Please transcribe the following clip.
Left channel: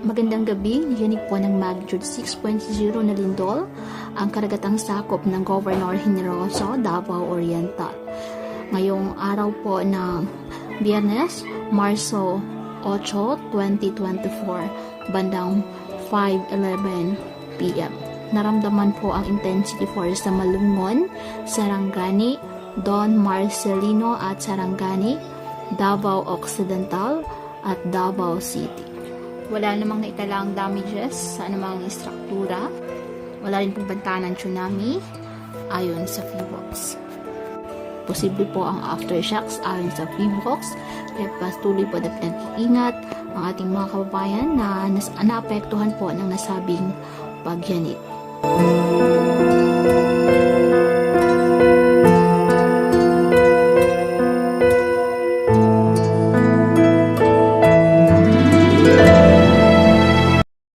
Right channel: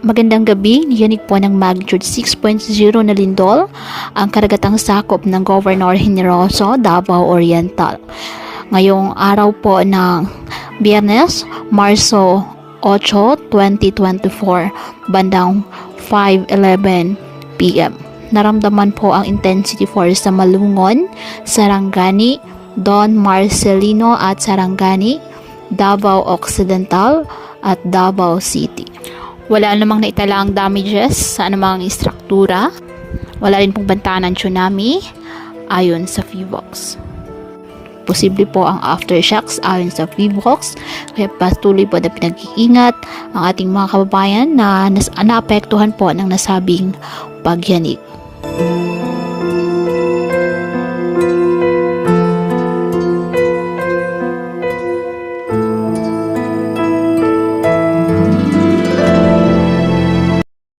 Magandang gabi, niyanig po ng magnitude 6.0 na lindol ang karagatang sakop ng Governor Generoso, Davao Oriental. Ngayong araw po ng Biyernes, Marso 8, 2024, bandang 5:11 p.m. Naramdaman po ang intensity force sa Malungon, Sarangani, Don Marcelino at Sarangani, Davao Occidental at Davao City. Wala namang naitala ang damages sa anumang istruktura. Wala rin pong banta ng tsunami ayon sa PHIVOLCS. Posible po ang aftershocks ayon sa PHIVOLCS, kaya patuloy po na pinag-iingat ang ating mga kababayan na naapektuhan po ng nasabing pagyanig.